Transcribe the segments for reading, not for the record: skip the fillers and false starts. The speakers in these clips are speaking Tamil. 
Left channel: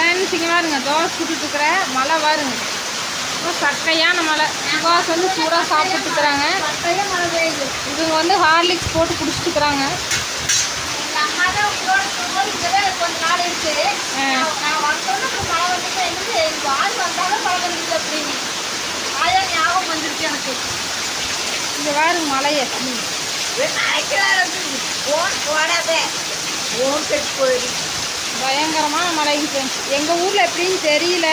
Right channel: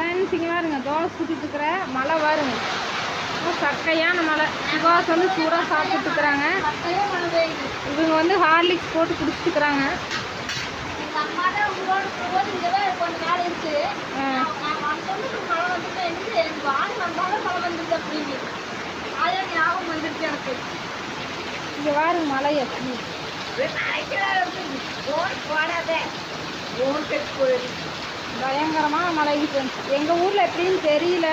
ஃப்ரெண்ட்ஸ் இங்கே பாருங்க தோசை சுட்டுட்டுருக்குற மழை பாருங்க. சக்கையான மழை. சுகாஸ் வந்து சூடாக சாப்பிட்டுருக்குறாங்க. இவங்க வந்து ஹார்லிக்ஸ் போட்டு குடிச்சிட்டுருக்குறாங்க. இங்கே பாருங்க மழையை. பயங்கரமான மழைங்க ஃப்ரெண்ட்ஸ். எங்கள் ஊரில் எப்படின்னு தெரியல.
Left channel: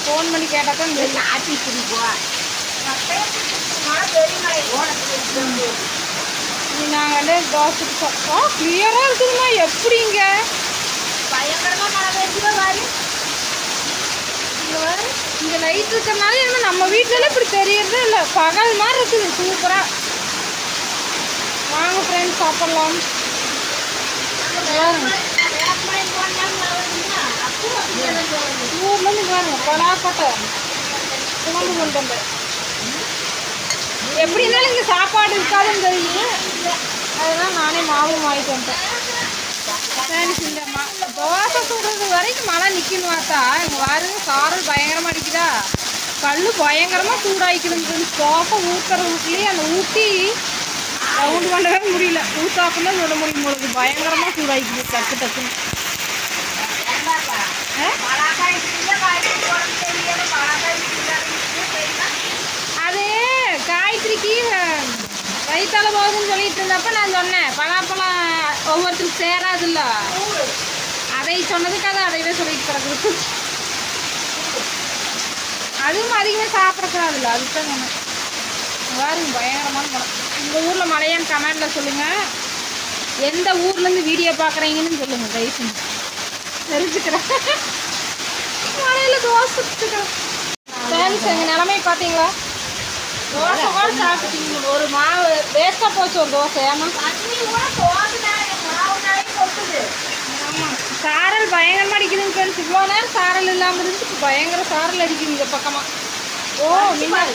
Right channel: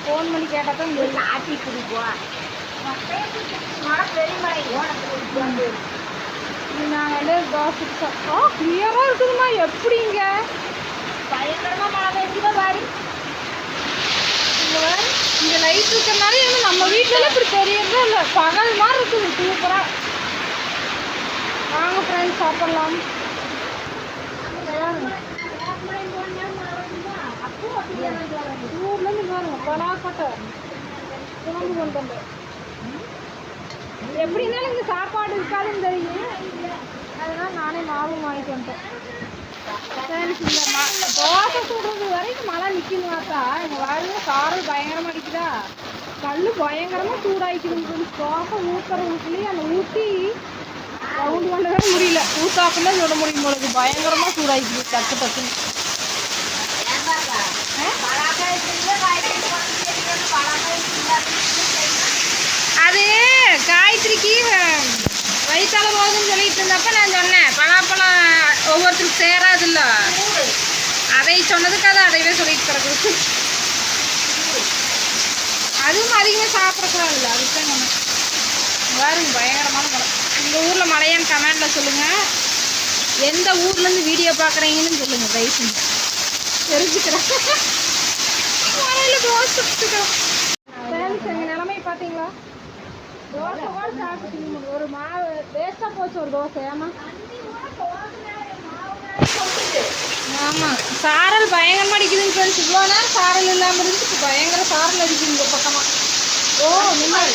ஃபோன் பண்ணி கேட்டால் தான் தெரியும். நாங்கள் வந்து தோசை கிளியராக இருக்குதுமா. எப்படிங்க பயங்கரமாக மழை பெய்யுதா பாரு. இங்கே லைட் இருக்கிறதுனால என்ன நம்ம வீட்டிலலாம் இப்படி தெரியறதே இல்லை. பகல் மாதிரி இருக்குது சூப்பராக. வாங்க ஃப்ரெண்ட்ஸ் சாப்பிட்லாம். ஊர்லேருந்து பாருங்க பலாக்கொட்டை பூண்டு கொண்டு வந்து. எப்படி இருந்தாலும் இங்கே சாப்பாடு இருக்காதுன்னு தெரியும். அதுதான் நானே மாவும் வாங்கிட்டு வந்துட்டேன். ஃப்ரெண்ட்ஸ் இந்த தோசை சுடுறது வரைக்கும் மழை நிற்கணும் பார்த்தா இங்கே பாருங்க சாரல் பயங்கரமாக அடிக்குதா. கல் பயங்கரமாக சூடாகிக்குதுங்க ஃப்ரெண்ட்ஸ். தோசை ஊற்றுற ஊட்டிலேயே அந்த ஊட்டி ரவுண்டு பண்ணவே முடியல. ஊத்தாப்புல சுட முடியும் போது பயங்கரமாக சூடாகிக்குது டக்கு டக்குன்னு. அது காய்கறிக்கு வயிற்றால போகுதுன்னு சொல்லிட்டு இருந்தப்ப நான் சொன்னேன் பலாப்பழம் ஒவ்வொருத்தருக்கு சேராதுல்ல. அதை சொன்னதுக்கு அது அதையவே சொல்லிட்டு கிடக்குது. அதுவும் அதிகமாக சாப்பிடக்கூடாதுல்ல. அதுதான் சொன்னேன். பாருங்க பயங்கரமான மழை. உங்கள் ஊரில் மழையான்னு கமெண்டில் சொல்லுங்கள். எந்த ஊர்லேருந்து வீடியோ பார்க்குறீங்கன்னு சொல்லுங்கள் தயவு செஞ்சு தெரிஞ்சுக்கிறேன். மழையில் தோசை சுட்டுக்கிறேன். ஃப்ரெண்ட்ஸ் எங்கள் நிலமை பார்த்தீங்களா. தோசை கூட சாப்பிட்டீங்க. ஒரு மாவு வேஸ்ட்டாக போச்சு ஒரு தோசை. ஆமாம் ஆமாம் சாரல் பயங்கரமாக அடிக்குதுங்க ஃப்ரெண்ட்ஸ். இவ்வளோ நேரம் சாரல் இல்லாமல் இருந்துச்சு. இப்போ பயங்கர சாரல் அடிக்குது இந்த பக்கமாக. ஓ மின்னல்.